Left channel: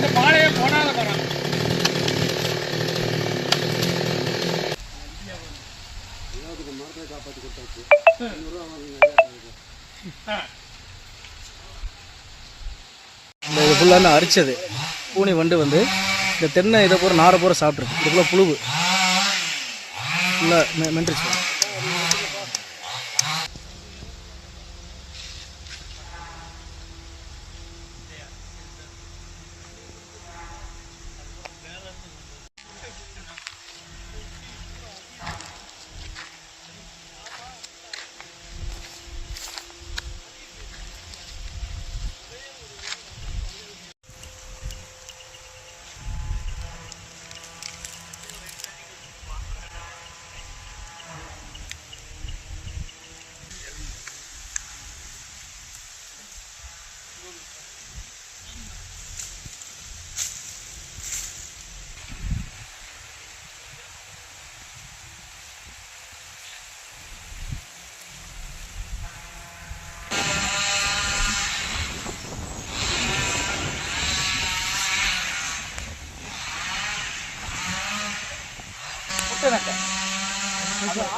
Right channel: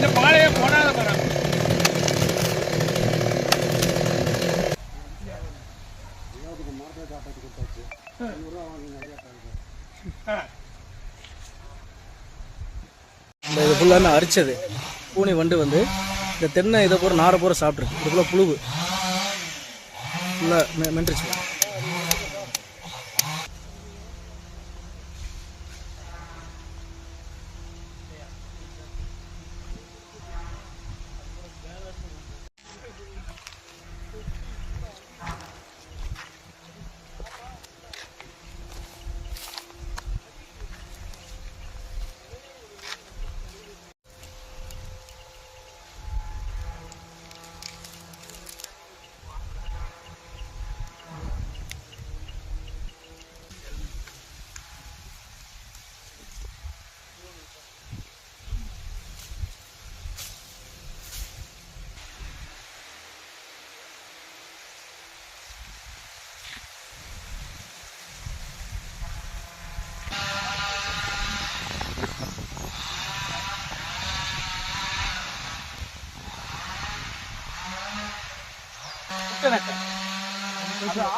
இந்த பாலையே போடாத மரம். மரத்தை காப்பாற்றி கொடுத்தாச்சு. இது ஃபுல்லாக அரிச்சது பூனி வண்டு வந்து இந்த தென்னை இதை பூரா நாரை பூரா சாப்பிட்ருக்கு. இதுக்குள்ள புழுவு ஃபுல்லாக நின்றுச்சு.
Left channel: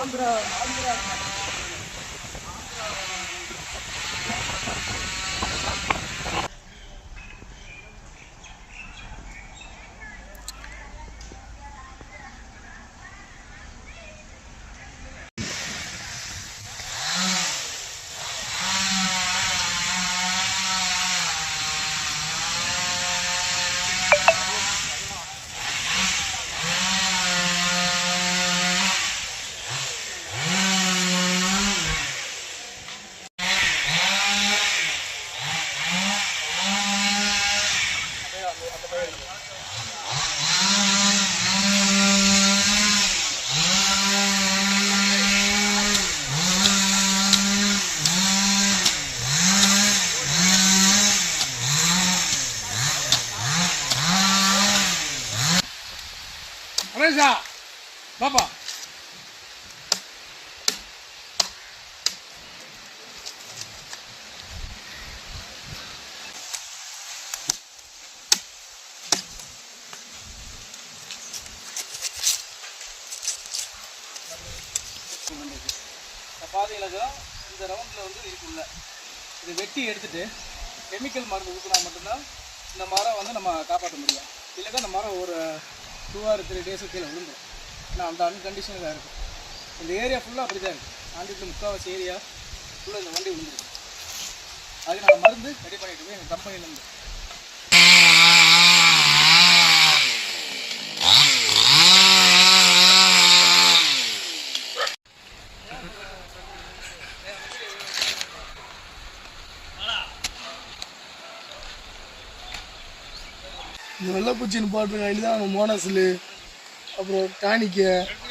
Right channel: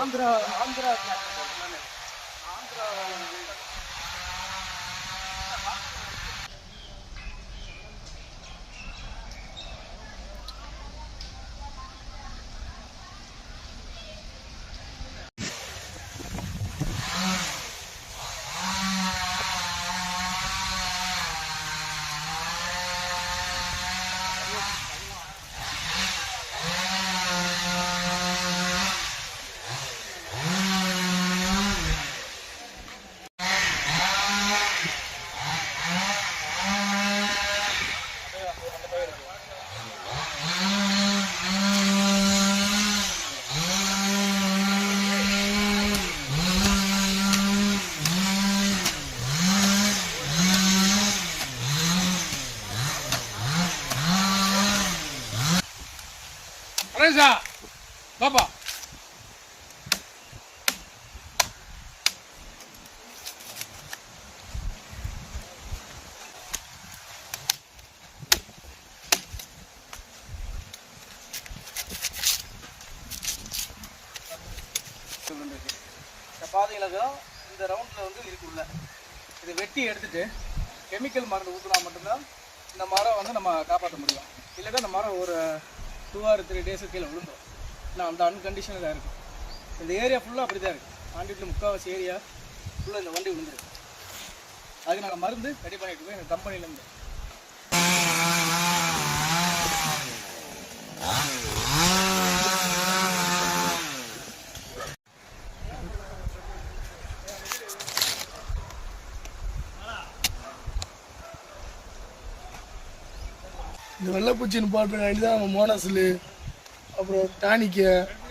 Andhra Reza, Baba. பாதைகளுக்கும் இந்த ரவுண்டில் வந்து இருக்குல்ல இதை வெட்டி எடுத்துட்டு கெமிக்கல் மருந்து ஊற்றினா மட்டும்தான் இந்த மரம் வந்து நம்ம காப்பாற்ற முடியும். இல்லைன்னா இந்த மரம் ஒரு 2 or 3 days கீழே விழுந்துடும். ஆனால் அந்த அன்கண்டிஷனில் தான் இருக்குது. இந்த ஏரியா ஃபுல்லாக அப்படி தான் இருக்குது. ஆண்டிட்டு முக்கால்வாசி ஏரியா ஃபுல்லாக இந்த வண்டி விழுந்துருக்கு. அதுக்கு நாங்கள் மருந்து ரெடி பண்ணிட்டு போய் எங்கள் கம்பெனிலேருந்து இந்த வெள்ளைப்பூச்சின்னு பாட்டு ஆகிட்டு தான் நம்ம மோனஸில் அப்புறம் டானிக்கு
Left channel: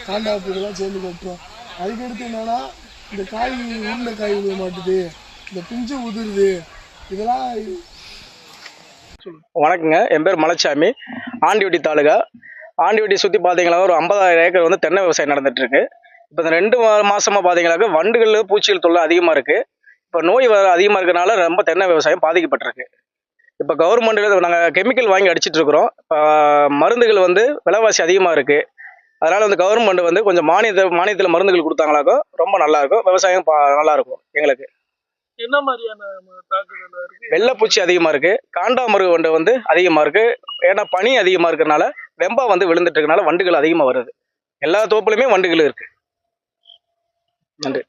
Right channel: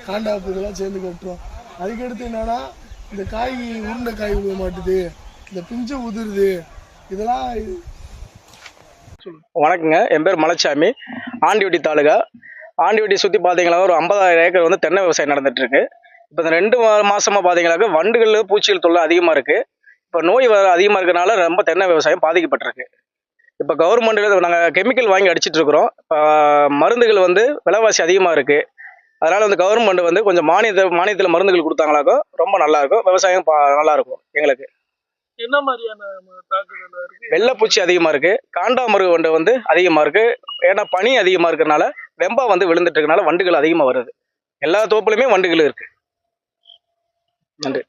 காண்டாப்பு இதெல்லாம் சேர்ந்து கட்டுறோம். அதுக்கடுத்து என்னென்னா இந்த காய் உருண்டை காய் விழுக மாட்டுது, இந்த பிஞ்சு உதிருது, இதெல்லாம். வணக்கங்க, என் பேர் மலைச்சாமி. ஆண்டிவட்டி தாலுகா. ஆண்டிவட்டி சுற்றி பார்த்தீங்களா ஒரு 50,000 ஏக்கர் வந்து தென்னை விவசாயம் நடந்துகிட்ருக்கு. இப்போ இந்த 2 மாதமாக பார்த்தீங்கன்னாக்கா வண்டுகள் பூச்சிகள் தொல்லை அதிகமாக இருக்குது. இப்போ நோய் அதிகமாக இருக்கிறனால ரொம்ப தென்னை விவசாயம் பாதிக்கப்பட்டிருக்கு. இப்போ கவர்மெண்ட்டில் நாங்கள் கெமிக்கல் வாங்கி அடிச்சிட்டு இருக்கிறோம். இப்போ மருந்துகள் வந்து விலைவாசி அதிகமாக இருக்குது. அதனால் வந்து கவர்மெண்ட் வந்து கொஞ்சம் மானியத்தில் மருந்துகள் கொடுத்தாங்களாக்கோ ரொம்ப நல்லாயிருக்கும். விவசாயம் நல்லாயிருக்கும். எங்களுக்கு என்ன மாதிரியான தாக்குதல் இருக்குது? வெள்ளைப்பூச்சி அதிகமாக இருக்குது, காண்டாமருகு வண்டு வந்து அதிகமாக இருக்குது. ஏன்னா பனி அதிகமாக இருக்கிறனால வெம்பா வந்து விழுந்துட்டு இருக்கனால வண்டுகள் அதிகமாக வருது. எல்லா தோப்புலையுமே வண்டுகள் இருக்குது. நன்றி.